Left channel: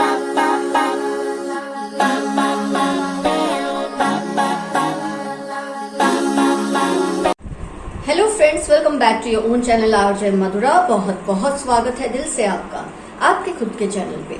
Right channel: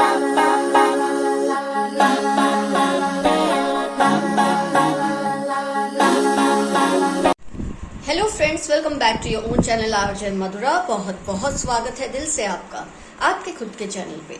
Hello friends, welcome back to your own channel RJ Madhura. बहुत बहुत स्वागत है दिल से आपका आपके खुद के चैनल पे।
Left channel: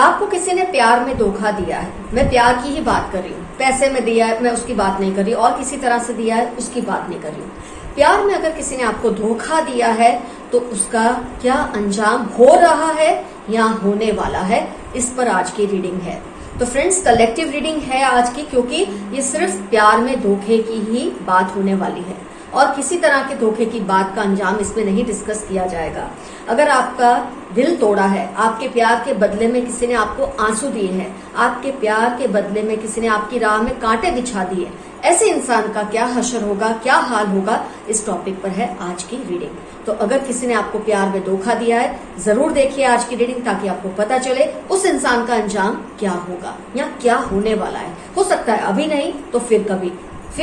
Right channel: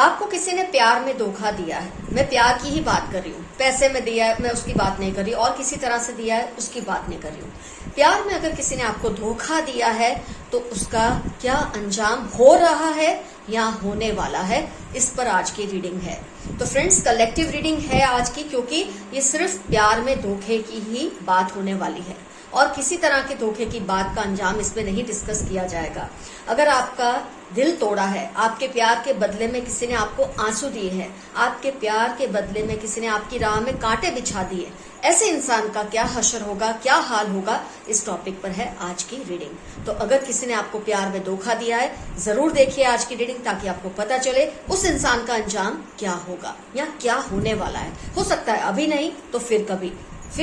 आपको किसी ने प्यार में धोखा दिया है, मैं प्यार की ही बात कर रही हूँ। पैसे में दिया है मैं उसकी बात नहीं कर रही, और किसी तरह से दिया है उसकी बात नहीं कर रही हूँ। प्यार में अगर किसी ने आपको धोखा दिया है तो उसका क्या अंजाम हो रहा है या होने वाला है, इस पर आज की रीडिंग है। तो फ्रेंड्स, कलेक्टिव रीडिंग है आज की, क्योंकि ये सिर्फ प्यार में धोखे की ही बात होने वाली है और किसी तरह के धोखे की बात का अंजाम इसमें नहीं डिस्कस किया जाएगा। अगर आपका दिल तोड़ा है, आपके प्यार के बदले में किसी ने आपको आंसू दिए हैं, आपके प्यार के बदले में किसी ने आपकी राह में कांटे बिछा दिए, ऐसे इंसान का क्या हश्र होगा, क्या हाल होगा, इस टॉपिक पर है आज की रीडिंग। तो अगर किसी ने आपको प्यार में धोखा दिया है, जरूर देखिए आज की रीडिंग, ताकि आपको पता चले उस इंसान का अंजाम क्या होगा या क्या होने वाला है। हो सकता है अभी नहीं तो फिर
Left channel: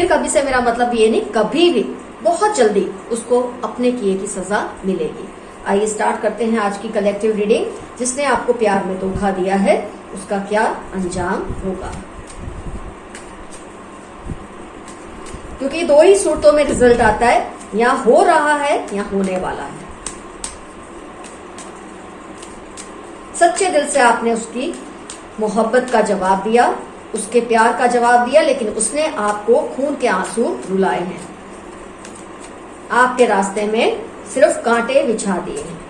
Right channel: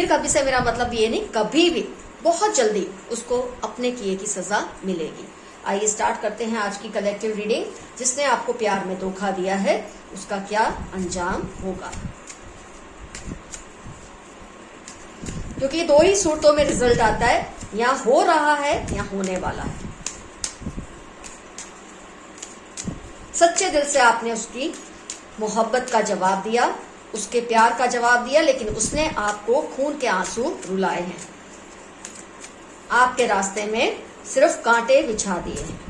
कभी से मेरा मतलब ये नहीं, कभी भी बहुत जल्दी उसको अपने किए की सजा मिलेगी। आइए स्टार्ट करते हैं आज की कलेक्टिव रीडिंग। जिसने आपको प्यार में धोखा दिया है उसका क्या अंजाम होगा, क्योंकि दो ही सूरतों में रिजल्ट आता है, या हो रहा है या होने वाला है। सच्चे दिल से आपने उसकी मोहब्बत का जवाब दिया, उसके प्यार का जवाब दिया, लेकिन उसने आपको खून के आंसू रुलाए हैं, आपके रास्ते में सिर्फ कांटे बिछा दिए हैं।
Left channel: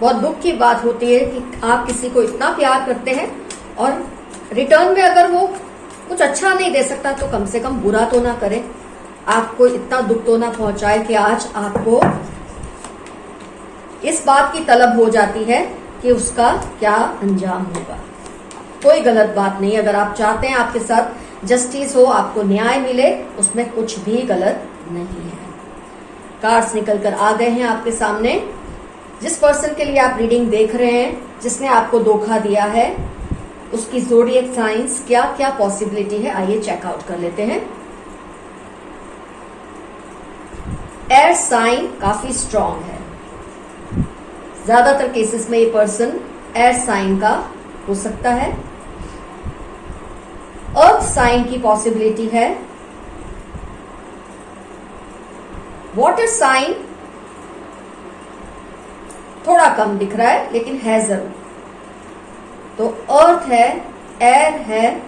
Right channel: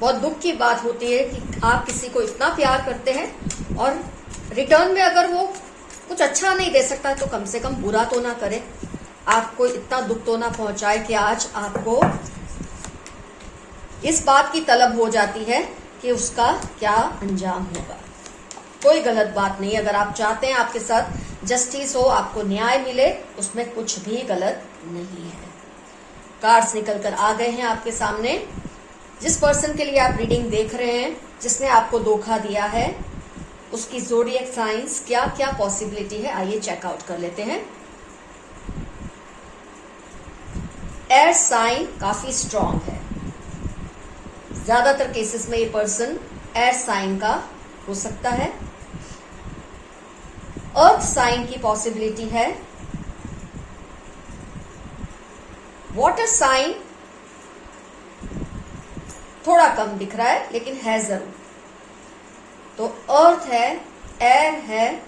बहुत दुख की बात होती है कि आप किसी को इतना प्यार करते हैं और रिटर्न में अगर वो कुछ अच्छा नहीं दे सकता तो कम से कम बुरा तो ना करे, आपको इतना दुख तो ना पहुंचाए कि आज आपको इस बात की तलब हो जाती है कि उसका क्या अंजाम होगा। कोई गलत बात नहीं, अगर आप चाहते हैं आपके साथ जस्टिस हो, आपको न्याय मिले, उसमें कुछ भी गलत नहीं है। कार्ड्स निकल कर आ गए हैं आपके सामने। जिस पर्सन के लिए आप रीडिंग देख रहे हैं, जिसने आपको धोखा दिया है, उसकी ज़ोडिएक साइंस क्या क्या पॉसिबिलिटी है, आइए चेकआउट कर लेते हैं। एयर साइन काफी स्ट्रांग है, ज्यादातर केसेस में ये पर्सन एयर साइन का हो सकता है। अर्थ साइन की पॉसिबिलिटी है। वाटर साइन थोड़ा कम दिख रहा है लेकिन है जरूर। तो अर्थ है, एयर है,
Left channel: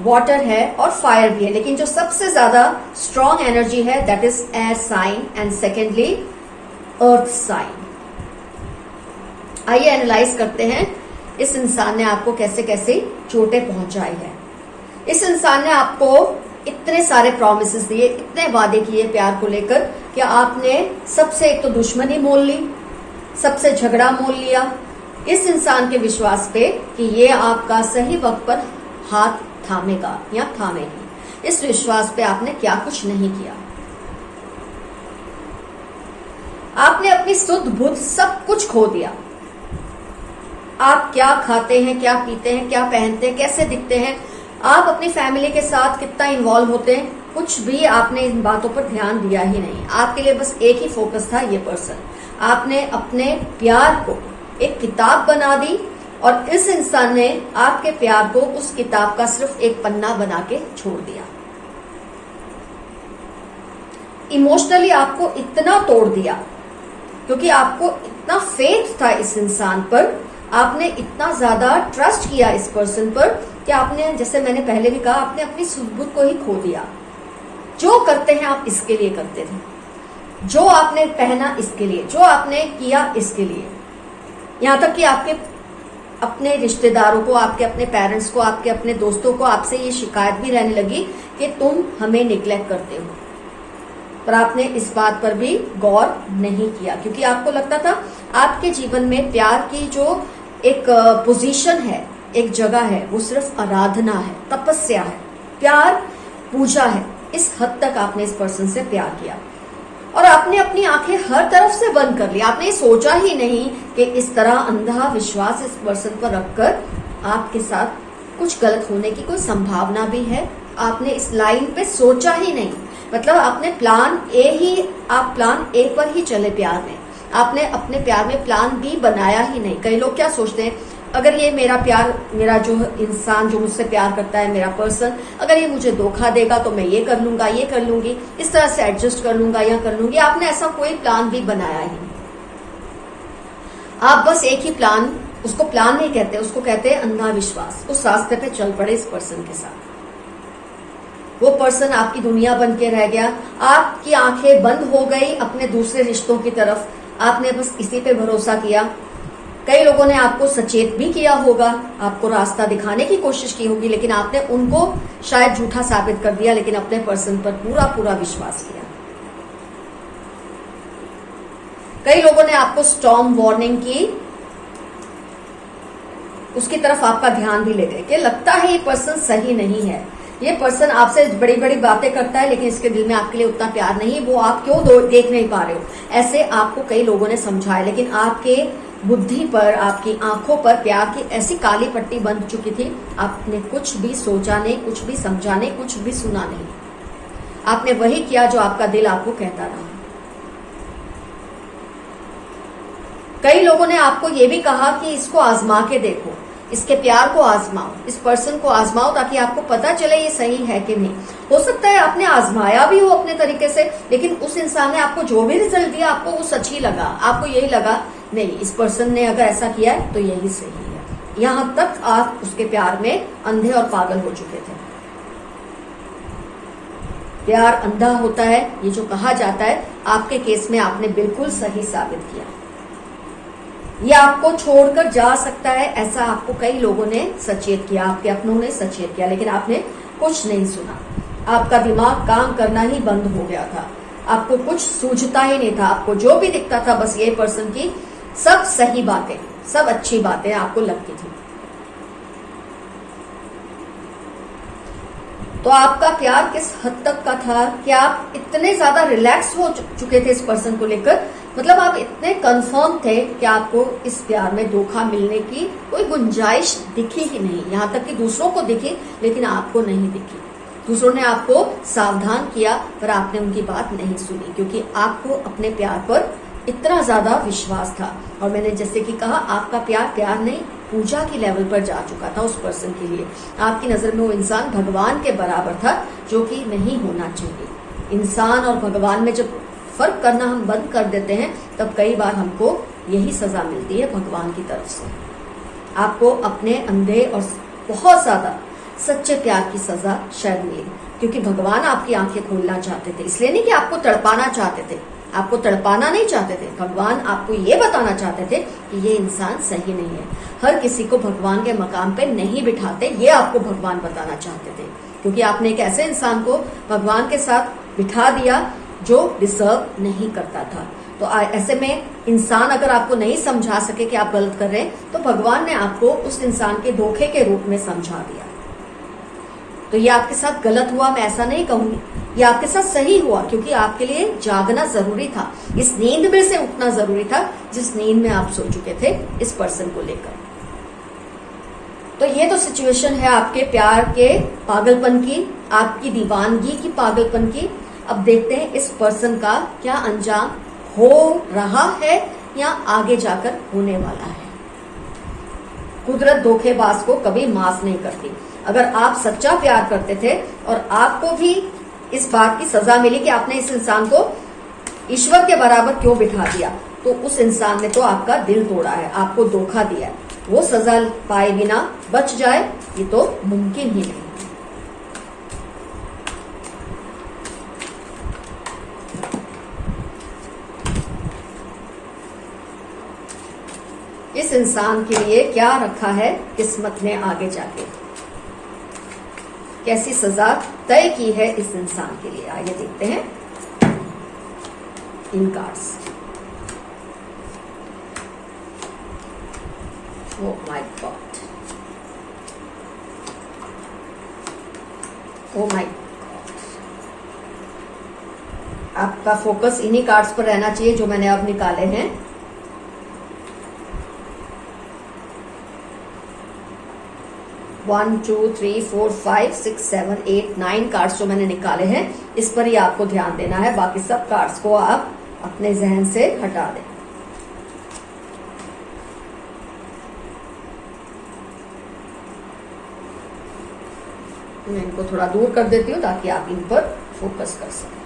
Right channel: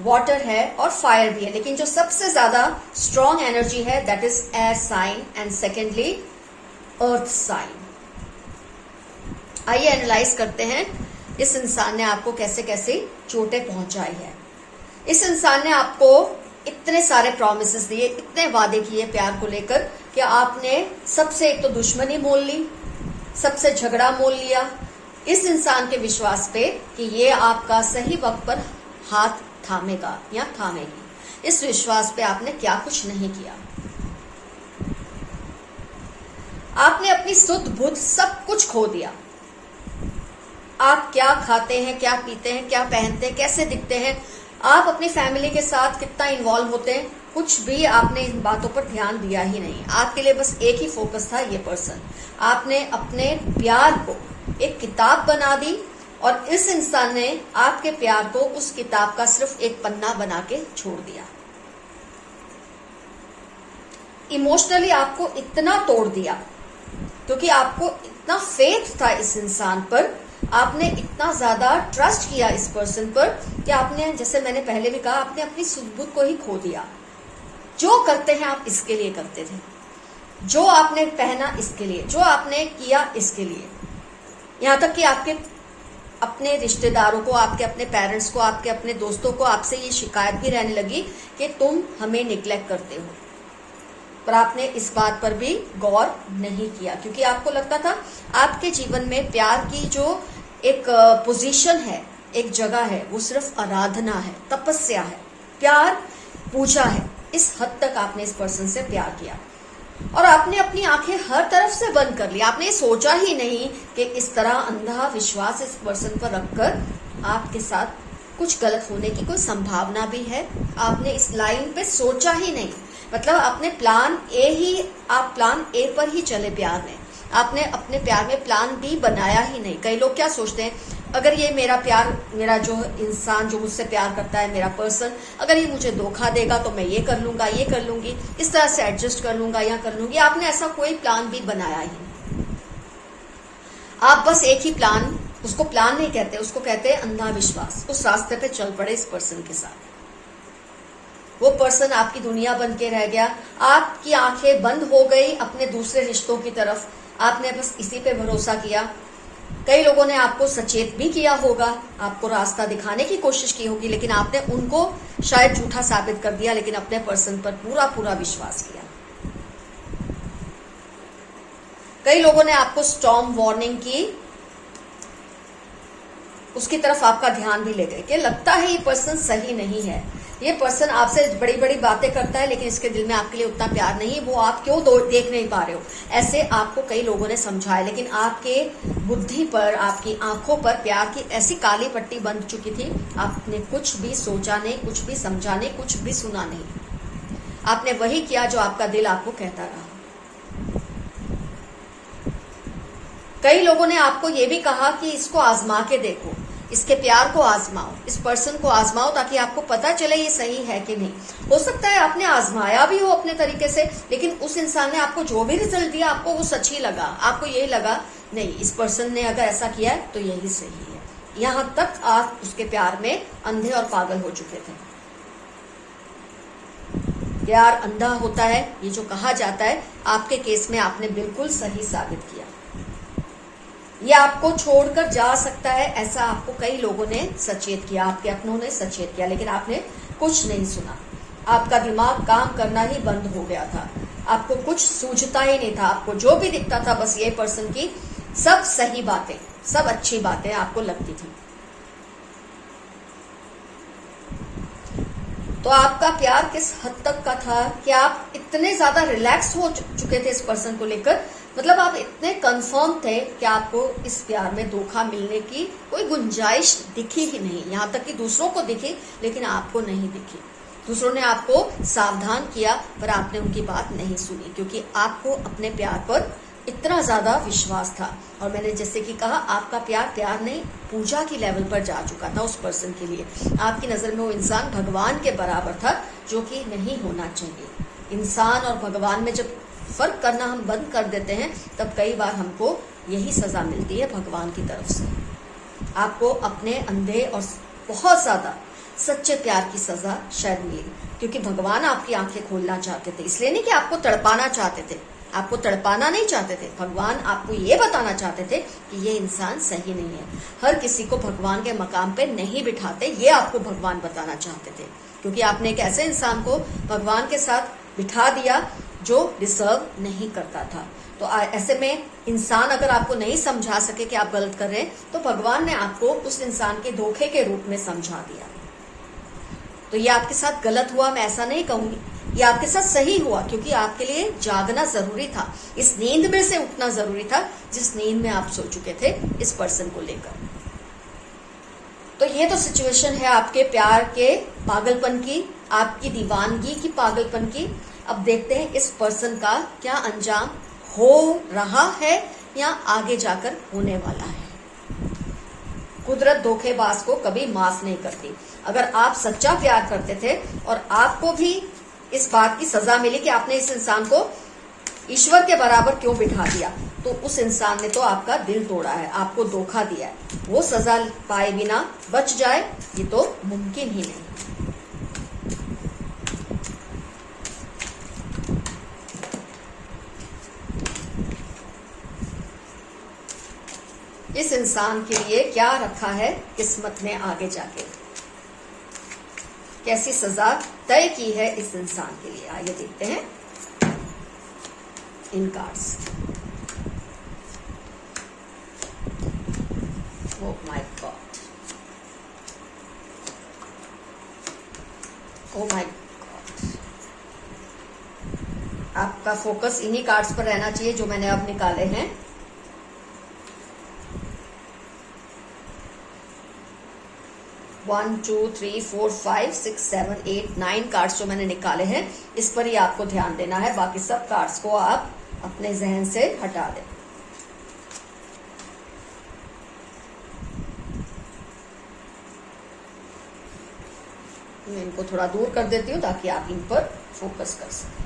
वाटर है और फायर भी है, लेकिन जो सबसे ज्यादा स्ट्रॉन्ग एनर्जी है that is air sign and secondly earth sign. आइए एनालाइज करते हैं इस इंसान ने आपको कैसे कैसे चोटें पहुंचाई है। इस इंसान ने आपको इतने सारे प्रॉमिसेस दिए, इतने वादे किए प्यार को लेकर कि आपने सबसे एक तो दुश्मनी मोल ली, सबसे झगड़ा मोल लिया, इस इंसान के विश्वास पे कि ये आपका सही वक्त पर हाथ थामेगा या थामेगी। इस विश्वास पे आपने क्या कुछ नहीं किया। आपने अपनी सुध बुध सब कुछ खो दिया। आप क्या खाते हैं, क्या पीते हैं, क्या पहनते हैं, कैसे दिखते हैं, आप अपनी फैमिली के साथ कितना इन्वॉल्व होते हैं, कुछ भी आपने इन बातों पर ध्यान दिया ही नहीं। आपके लिए बस एक ही फोकस था, ये पर्सन। आपने अपने प्यार को एक किताब बना दी और इस इंसान ने आपके प्यार को उस किताब का सिर्फ एक पन्ना बना के छोड़ दिया। इमोशनली आपको इतना तोड़ दिया, क्योंकि आपको इतना फेथ था इस इंसान पर, आपने इतना ज्यादा ट्रस्ट किया इस पर्सन पर कि आपने, जैसे मैंने पहले भी कहा, आपने अपनी सुध-बुध को ही खो दिया। जो करते हैं आप इसके लिए करते थे, जो आपने पहना इसके लिए, जो आपने किया इसके लिए, यहाँ तक कि आपके अपने रिश्तेदारों को, आपके अपने पेरेंट्स को, आपके अपने दोस्तों को आपसे ये शिकायत भी रहने लगी कि तुम हमें निग्लेक्ट करते हो। पर आपने इस बात पर भी गौर नहीं किया, क्योंकि आपको लगता था आपके जीवन में प्यार की जो एक पोजीशन है, एक जगह है, वो सिर्फ आराधना है, तपस्या है, प्यार पूजा है। इस हद तक आपने इस पर्सन से प्यार किया और आपने अपनी आंखें हर तरफ से बंद कर ली। आपने सोचा ही नहीं कि इस तरह अंधा विश्वास इस पर्सन पर रखकर आपके साथ कुछ गलत होने की कोई संभावना भी है। आपने इस लाइन पे सोचा ही नहीं, मतलब आपने प्लान ए पर ही चले प्यार में। आपने अपने प्यार में प्लान बी बनाया ही नहीं। कई लोग क्या सोचते हैं, अगर ये मेरा जो इंसान जो मुझसे प्यार करता है, मेरा पर्सन, अगर ये मुझे धोखा देगा तो मैं ये कर लूंगा, ये कर लूंगी, इस तरह से एडजस्ट कर लूंगा या कर लूंगी। आपने ऐसा कोई प्लान भी बनाया ही नहीं। आप बस एक ही प्लान, उसको प्लान नहीं कहते, उसको कहते हैं अंधा विश्वास। उस रास्ते पे चल पड़े इस पर्सन के साथ। वो पर्सन आपकी दुनिया बन के रह गया, आपकी आंखें बंद हो गई अपने दूसरे रिश्तों की तरफ। आपने बस इसी पे भरोसा किया। कई लोगों ने आपको सचेत भी किया होगा, आपको रास्ता दिखाने की कोशिश की होगी, लेकिन आपने उनको शायद झूठा साबित कर दिया, लेकिन अपने पर्सन पर पूरा विश्वास किया। कई लोगों ने आपको स्टॉर्म वार्निंग की, उसकी तरफ आपका ध्यान भी ले गए कि लगता है ये पर्सन सही नहीं है, ये पर्सन आपसे बड़ी बड़ी बातें करता है, लेकिन इसके दिल में आपके लिए उतना प्यार नहीं है, वो आप क्यों देख नहीं पा रहे हो। ऐसे आपको कई लोगों ने समझाया, लेकिन आपके बुद्धि पर, आपकी आंखों पर प्यार की ऐसी काली पट्टी बंध चुकी थी, आपने कुछ भी सोचा नहीं, कुछ भी समझा नहीं, कुछ भी सुना नहीं। आपने वही किया जो आपका दिल आपको कहता रहा। कई लोगों ने आपको ये भी कहा कि इसको आजमा के देखो, इसके प्यार को आजमाओ, इस पर्सन को आजमाओ, ताकि आपको पता चले ये सही है कि नहीं। हो सकता है आपने आजमाया भी हो अपने तरीके से, लेकिन उस इंसान ने आपको जो भी रिजल्ट दिया आपको वो सच ही लगा। आपको यही लगा नहीं, इस पर्सन ने अगर ऐसा किया है तो यही सही है। यहां तक आप उसके प्यार में अंधे और पागल हो चुके थे। प्यार अंधा होता है, ये जो कहा जाता है, आपके केस में आपने बिल्कुल सही साबित किया। ये आपको छोड़कर जा सकता है, ऐसा आपको कई लोगों ने सचेत किया, आपके अपनों ने सचेत किया, लेकिन आपने कुछ नहीं सुना। आपका दिमाग काम करना ही बंद हो गया था, आपको कुछ सूझता ही नहीं था। आपको जो भी दिखता था बस ये पर्सन की सब सही बातें, सब अच्छी बातें आपको लगती थी। तो आपका प्यार किस हद तक का था कि आप इतने ज्यादा रिलैक्स हो चुके थे इस पर्सन को लेकर, मतलब आप इतने कंफर्म थे कि आपको इस प्यार में धोखा मिलने की कोई गुंजाइश दिखी ही नहीं। यहां तक कि दूसरों को दिखी, लेकिन आपको नहीं दिखी। दूसरों ने आपको सावधान किया, पर आपने उनकी बात नहीं सुनी, क्योंकि आपको अपने प्यार पर इतना ज्यादा विश्वास था। और मैंने जैसे कि कहा, आपका प्यार नहीं, पूजा की लेवल पर जा चुका था उस पर्सन के लिए। आपकी नजर में वो इंसान भगवान के बराबर था, जो कि नहीं होना चाहिए। इंसान और भगवान में जब फर्क करना हम बंद कर देते हैं, तब कई बार हमको यही सजा मिलती है भगवान की तरफ से। आपको अपने अंधे और बहुत ज्यादा सच्चे प्यार की सजा शायद मिली, क्योंकि भगवान आपकी आंखें खोलना चाहते थे। इसलिए नहीं कि आपको तड़पाना चाहते थे, आपको तड़पाना नहीं चाहते थे। भगवान आपको ये बताना चाहते थे कि ये इंसान सही नहीं है। हर किसी को भगवान के मकाम पे नहीं बिठाते, ये आपको भगवान बताना चाहते थे, क्योंकि आपने एक ऐसे इंसान को भगवान के साथ बिठा दिया जो डिजर्व नहीं करता था। तो ऐसे में इंसान अगर आपको नहीं समझा सके कि आप गलत कर रहे हैं, तो भगवान ने आपको उस इंसान के धोखे के रूप में समझा दिया। तो ये आपके साथ गलत हुआ, मैं ऐसा नहीं कहूंगी, ये आपके साथ सही हुआ, क्योंकि आपके लिए जागना जरूरी था, इस नींद में से उठना जरूरी था जिस नींद में आप सो चुके थे इस पर्सन को लेकर। तो ये तो सिचुएशन है आपके प्यार के पागलपन की, आपकी दीवानगी की पागलपन की। अब देखते हैं इस पर्सन का क्या अंजाम हो रहा है या आगे जाकर होने वाला है। कुदरत धोखेबाज को कभी माफ नहीं करती। अगर आप सच्चा प्यार करते थे और आपको भी इस बात की सजा मिली कि आपने इस इंसान को ईश्वर के बराबर क्यों बिठा दिया, तो उस इंसान ने तो आपका दिल तोड़ा है, आपको धोखा दिया है। वो सजा पाए बिना बच जाए, ये तो मुमकिन ही नहीं। इस इंसान के लिए क्या रखा है किस्मत ने आगे जाके, कैसी सजा तय की है इस इंसान के लिए, आइए देखते हैं। इन cards. Oh my god, oh my, आपका फोकस इन्हीं कार्ड्स पर रहना चाहिए जो मैंने अब निकाले हैं। One, two, three, four, five, six, seven, eight, 9 cards जो मैंने निकाले हैं, इस पर ही आपको ध्यान देना है। बाकी सब कार्ड्स को आप अपने जहन से हटा दें। मैं इनको थोड़ा दूर कर देती हूँ ताकि आप इन पर फोकस कर सकें।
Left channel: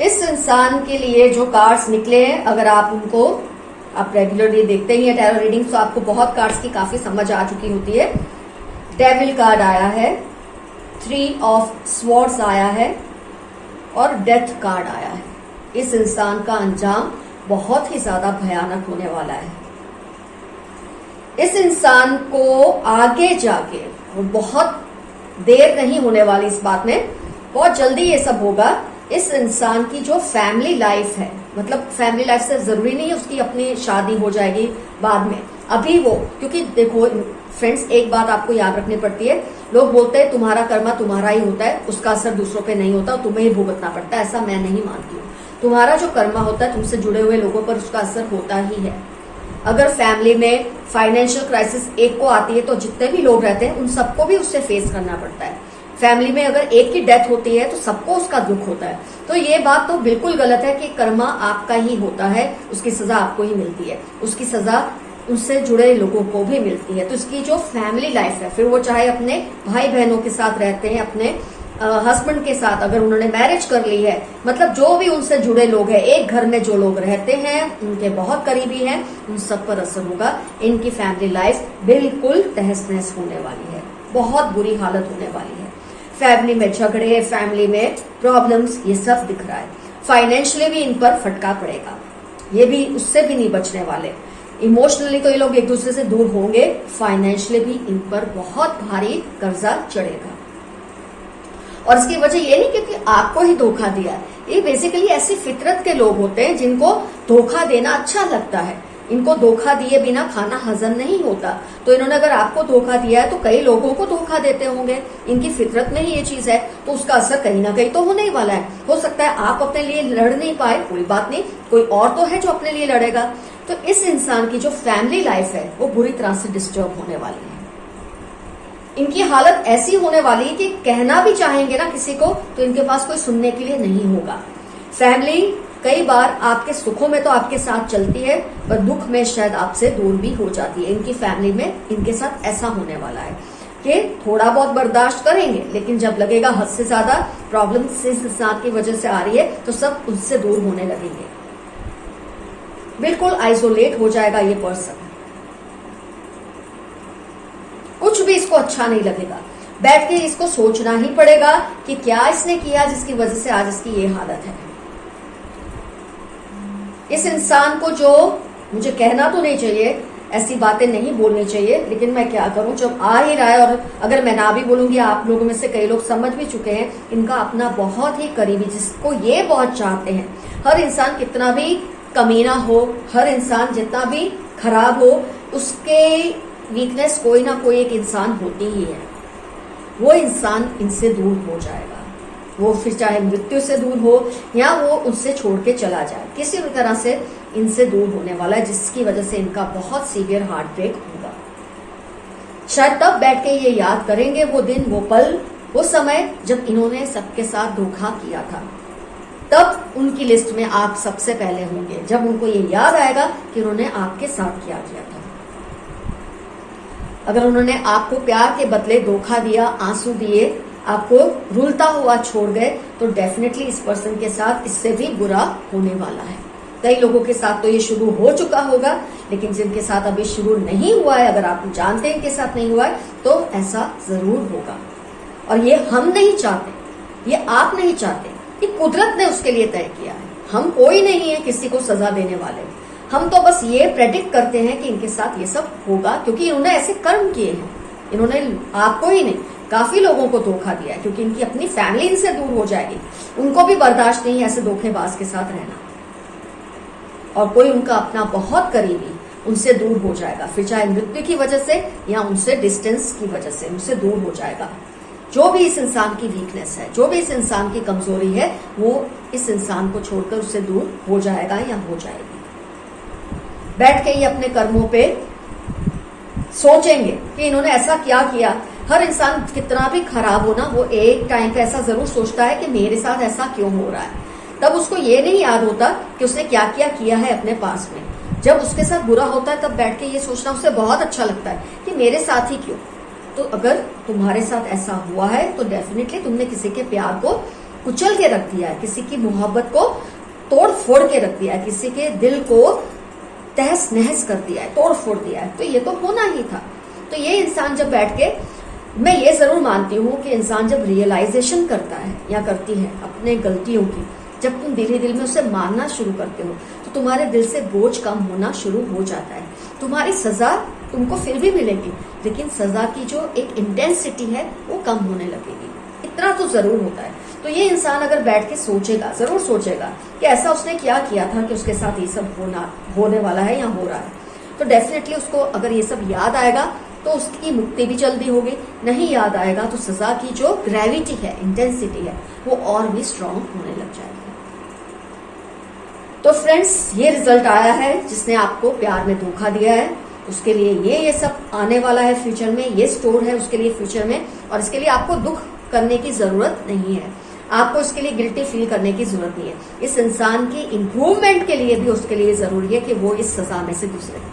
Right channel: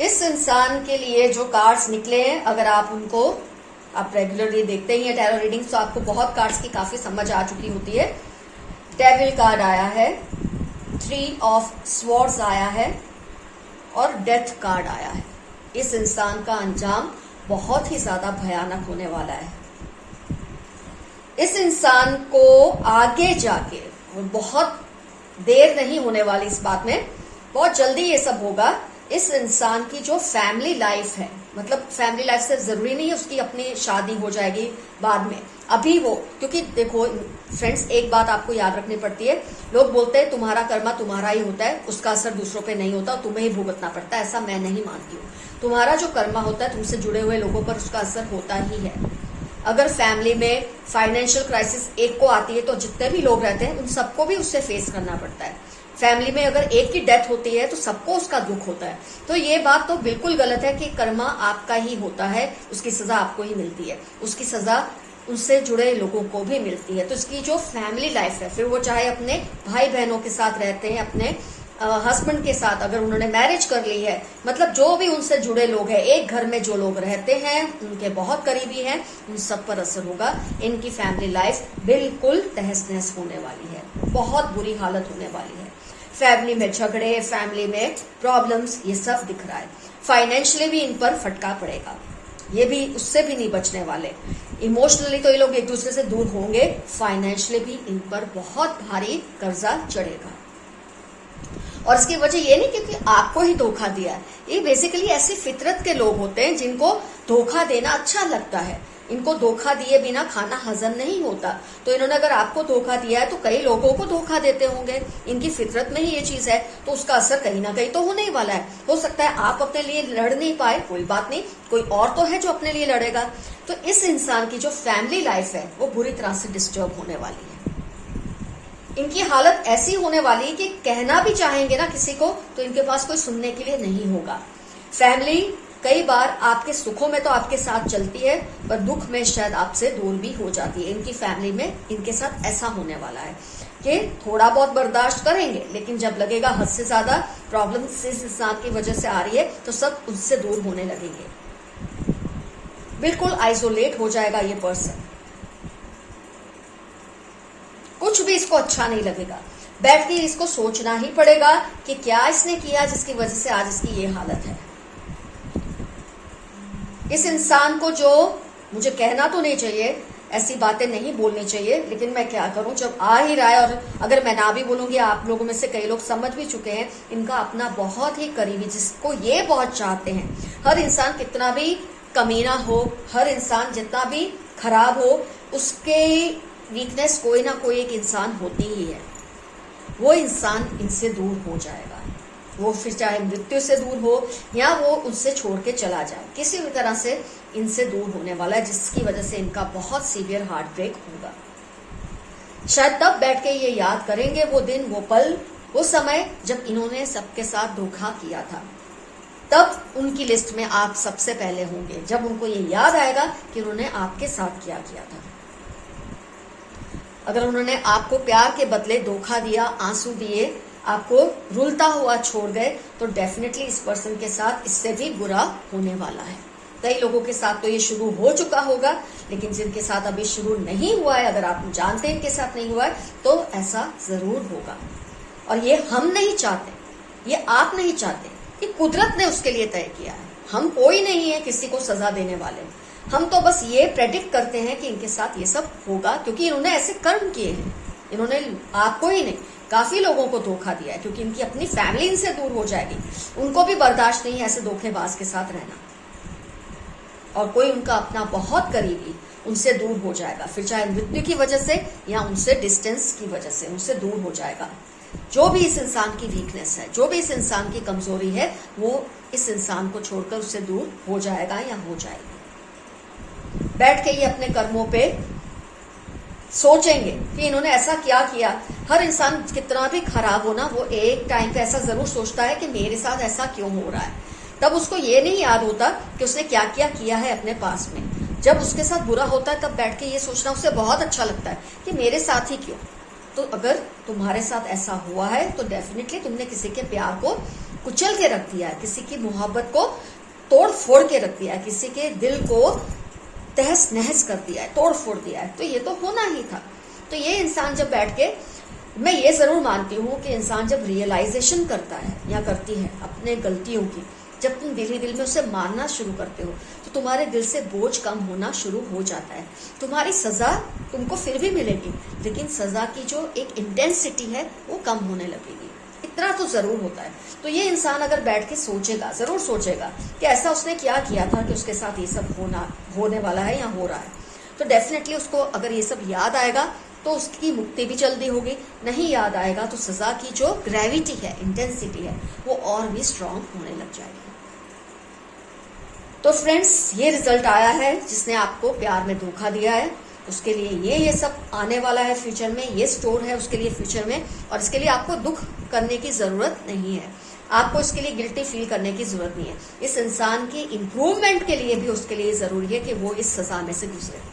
इस इंसान के लिए जो कार्ड्स निकले हैं, अगर आप उनको आप रेगुलरली देखते ही हैं टैरो रीडिंग्स, तो आपको बहुत कार्ड्स की काफी समझ आ चुकी होती है। डेविल कार्ड आया है, 3 ऑफ स्वॉर्ड्स आया है और डेथ कार्ड आया है। इस इंसान का अंजाम बहुत ही ज्यादा भयानक होने वाला है। इस इंसान को आगे जाके वो बहुत देर नहीं होने वाली इस बात में, बहुत जल्दी ये सब होगा। इस इंसान की जो फैमिली लाइफ है, मतलब फैमिली लाइफ से जरूरी नहीं है उसकी अपनी शादी हो जाएगी बाद में, अभी वो, क्योंकि देखो फ्रेंड्स, एक बात आपको याद रखनी पड़ती है। लोग बोलते हैं तुम्हारा कर्मा तुम्हारा ही होता है, उसका असर दूसरों पे नहीं होता, तुम्हें ही भुगतना पड़ता है। ऐसा मैं नहीं मानती हूँ। तुम्हारा जो कर्मा होता है, तुमसे जुड़े हुए लोगों पर उसका असर होता ही है। अगर फैमिली में फाइनेंशियल क्राइसिस एक को आती है तो जितने भी लोग रहते हैं उन सबको भी उससे फेस करना पड़ता है। फैमिली में अगर एक की डेथ होती है तो सबको उसका दुख होता है। तो ये बात तो बिल्कुल गलत है कि कर्मा आपका ही होता है, उसकी सजा आपको ही मिलती है, उसकी सजा उससे जुड़े लोगों को भी मिलती है। तो इसकी जो फैमिली लाइफ है, फिर वो चाहे अपने भाई बहनों के साथ रहते हैं, अपने हस्बैंड के साथ, अगर उन्होंने मैरिज कर ली है, मतलब जो भी उनसे जुड़े लोग हैं, एक घर में जो लोग रहते हैं, उनके बहुत करीबी हैं, उन सब पर असर होगा। इनकी फैमिली लाइफ बिल्कुल तहस नहस होने वाली है, बहुत बुरी हालत होने वाली है। फैमिली में झगड़े, फैमिली में प्रॉब्लम्स, ये सब दिख रहा है। फाइनेंशियली भी इन पर फटका पड़ेगा, ये भी उससे भी नहीं बचने वाले। इमोशनली तो ये लोग एक दूसरे से दूर होंगे, फाइनेंशियली भी इन पर बहुत भारी कर्जा चढ़ेगा। और इसकी वजह ये नहीं क्योंकि आपको ही धोखा दिया है, ये बेसिकली ऐसी फितरत के लोग होते हैं जिनको धोखा देना अच्छा लगता है। इनको धोखा दिए बिना खाना हजम नहीं होता, तो इन्होंने अगर आपको धोखा दिया है तो कई लोगों को धोखा देते होंगे। इनकी फितरत में ही ये चीज है, तो उसका असर कहीं ना कहीं तो होने ही वाला है। हो सकता है आप अपने लिए लड़ नहीं पाए, कोई बात नहीं, कोई और तो है जो अपने लिए लड़ेगा। तो इस इंसान की जो फैमिली लाइफ है वो बुरी तरह से डिस्टर्ब होने वाली है। इनकी हालत ऐसी होने वाली है कि कहना भी चाहेंगे ना किसी को तो इनके पास कोई सुनने के लिए नहीं होगा। फैमिली कई बार आपके सुखों में तो आपके साथ चलती है, पर दुख में शायद आपसे दूर भी हो जाती है। इनकी फैमिली में इनके साथ ऐसा होने वाला है कि थोड़ा बहुत बर्दाश्त करेंगे, लेकिन जब लगेगा हद से ज्यादा प्रॉब्लम इस इंसान की वजह से आ रही है तो सब उनसे दूर होने लगेंगे। बिल्कुल आइसोलेट हो जाएगा ये पर्सन, कुछ भी इसको अच्छा नहीं लगेगा। बैठ के इसको सोचना ही पड़ेगा कि क्या इसने किया जिसकी वजह से आज इसकी ये हालत है। इस इंसान को जो, मुझे कहना तो नहीं चाहिए, ऐसी बातें नहीं बोलनी चाहिए, लेकिन मैं क्या करूं, जब आ ही रहा है, और अगर मैं ना भी बोलूंगी, आप लोगों में से कई लोग समझ भी चुके हैं, इनका अपना बहुत ही करीबी जिसको ये बहुत चाहते हैं। हर इंसान कितना भी कमीना हो, हर इंसान जितना भी खराब हो, उसके वीकनेस कोई ना कोई एक इंसान होती ही है। वो इंसान इनसे दूर हो जाएगा, वो फिर चाहे मृत्यु से दूर हो या वो उनसे छोड़ के चला जाए, किसी भी तरह से इनसे दूर होने वाला है, जिसकी वजह से इनका बहुत सीवियर हार्ट ब्रेक होगा। शायद तब बैठ के ये याद करेंगे वो दिन, वो पल, वो समय जब इन्होंने सबके साथ धोखा किया था। तब उनकी लिस्ट में आप सबसे पहले होंगे, जब उनको ये याद आएगा कि उन्होंने आपके साथ क्या किया था। अगर उन्होंने आपको प्यार के बदले धोखा दिया, आंसू दिए, आपको रुलता हुआ छोड़ गए, तो डेफिनेटली इस पर्सन के साथ इससे भी बुरा होने वाला है। कई लोगों के साथ तो ये शुरू हो चुका होगा, लेकिन जिनके साथ अभी शुरू नहीं हुआ है, अगर आप जानते हैं इनके साथ नहीं हुआ है, तो ऐसा जरूर होगा। और ये हम नहीं चाहते, ये आप नहीं चाहते, ये कुदरत ने उसके लिए तय किया है। हम कोई नहीं है किसी को सजा देने वाले। हम तो बस ये प्रेडिक्ट करते हैं कि इनके साथ ये सब होगा, क्योंकि इन्होंने ऐसे कर्म किए हैं। इन्होंने आपको ही नहीं, काफी लोगों को धोखा दिया है, क्योंकि इनकी अपनी फैमिली इनसे दूर हो जाएगी। उनको भी बर्दाश्त नहीं है ऐसे धोखेबाज के साथ रहना, और कोई उनका अपना बहुत करीबी उनसे दूर हो जाएगा, फिर चाहे मृत्यु की वजह से या उनसे डिस्टेंस की वजह से उनसे दूर हो जाएगा। जो भी इस इंसान की वीकनेस है, जो भी इस इंसान की कमजोरी है, वो इस इंसान को छोड़कर उससे दूर हो जाएगा या हो जाएगी। बैठ के ये अपने कर्मों पे सोचेंगे कि इन्होंने ऐसा क्या किया। हर इंसान कितना भी खराब हो ना, वो एक टाइम पे ऐसा जरूर सोचता है कि मेरे साथ ऐसा क्यों हो रहा है। तब उसको ये नहीं याद होता कि उसने क्या क्या किया है अपने पास में। जब उसके साथ बुरा होता है तब बैठ के ये सोचना उसे बहुत अच्छा लगता है कि मेरे साथ ही क्यों। तो अगर तुम्हारे साथ ऐसा हुआ है तो डेफिनेटली तुमने किसी के प्यार को कुचल के रख दिया है, किसी की मोहब्बत को तोड़ फोड़ के रख दिया है, किसी के दिल को तहस नहस कर दिया है, तोड़ फोड़ दिया है। तो ये तो होना ही था। तो ये इंसान जब बैठ के, मैं ये जरूर मानती हूँ कि इंसान जब रियलाइजेशन करता है या करती है अपने गलतियों की, जब तुम दिल ही दिल में उसे मानना शुरू करते हो तो तुम्हारे दिल से बोझ कम होना शुरू हो जाता है। तुम्हारी सजा तुमको फिर भी मिलेगी, लेकिन सजा की जो एक इंटेंसिटी है वो कम होने लगेगी। इतना तो जरूर होता है। तो ये इंसान अगर बैठ के सोचेगा, जरूर सोचेगा कि ऐसा उसने क्या किया था कि उसके साथ ये सब होने वाला है या हो रहा है, तो डेफिनेटली उसको अगर ये सब याद आएगा तो उसकी मुक्ति भी जल्दी होगी। नहीं याद आएगा तो सजा की जो ग्रेविटी है, इंटेंसिटी है, वो और भी स्ट्रांग होने लग जाएगी। तो फ्रेंड्स, ये रिजल्ट आया है जिसने आपको प्यार में धोखा दिया है, उसके लिए ये सब आने वाला है फ्यूचर में, ये स्टोर है उसके लिए फ्यूचर में, और इसके लिए आपको दुख करने की जरूरत नहीं है। आपको इसके लिए गिल्टी फील करने की जरूरत नहीं है। इस इंसान की इंप्रूवमेंट के लिए भी उसके लिए जरूरी है कि वो इस सजा में से गुजरे।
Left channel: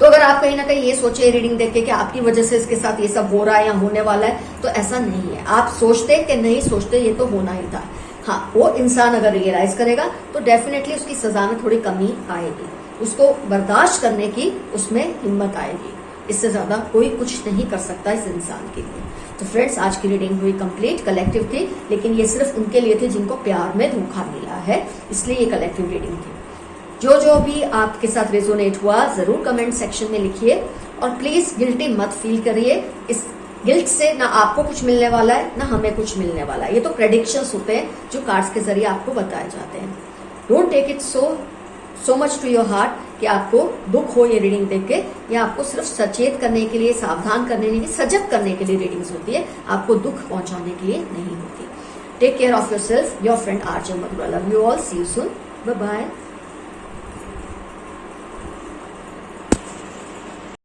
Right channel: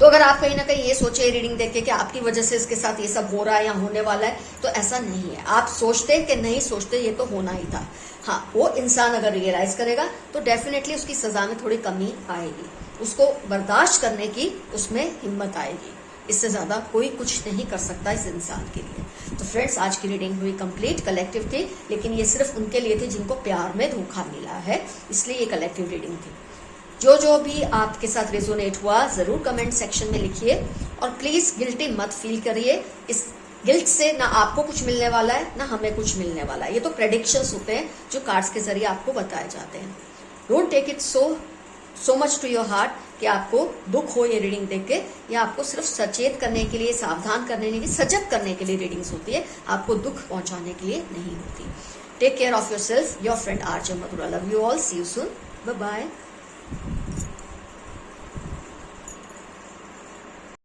तो अगर आप कहीं ना कहीं ये सोचे रीडिंग देख के कि आपकी वजह से इसके साथ ये सब हो रहा है या होने वाला है, तो ऐसा नहीं है। आप सोचते कि नहीं सोचते, ये तो होना ही था। हाँ, वो इंसान अगर रियलाइज करेगा तो डेफिनेटली उसकी सजा में थोड़ी कमी आएगी, उसको बर्दाश्त करने की उसमें हिम्मत आएगी। इससे ज्यादा कोई कुछ नहीं कर सकता इस इंसान के लिए। तो फ्रेंड्स, आज की रीडिंग हुई कंप्लीट, कलेक्टिव थी, लेकिन ये सिर्फ उनके लिए थी जिनको प्यार में धोखा मिला है, इसलिए ये कलेक्टिव रीडिंग थी। जो भी आपके साथ रेजोनेट हुआ जरूर कमेंट सेक्शन में लिखिए, और प्लीज गिल्टी मत फील करिए। इस गिल्ट से ना आपको कुछ मिलने वाला है ना हमें कुछ मिलने वाला है। ये तो प्रेडिक्शंस होते हैं जो कार्ड्स के जरिए आपको बताए जाते हैं। Don't take it so much to your heart कि आपको दुख हो ये रीडिंग देख के, या आपको सिर्फ सचेत करने के लिए, सावधान करने के लिए, सजग करने के लिए रीडिंग्स होती है, आपको दुख पहुंचाने के लिए नहीं होती। Take care of yourself, your friend RJ Madhura. Love you all, see you soon, bye bye.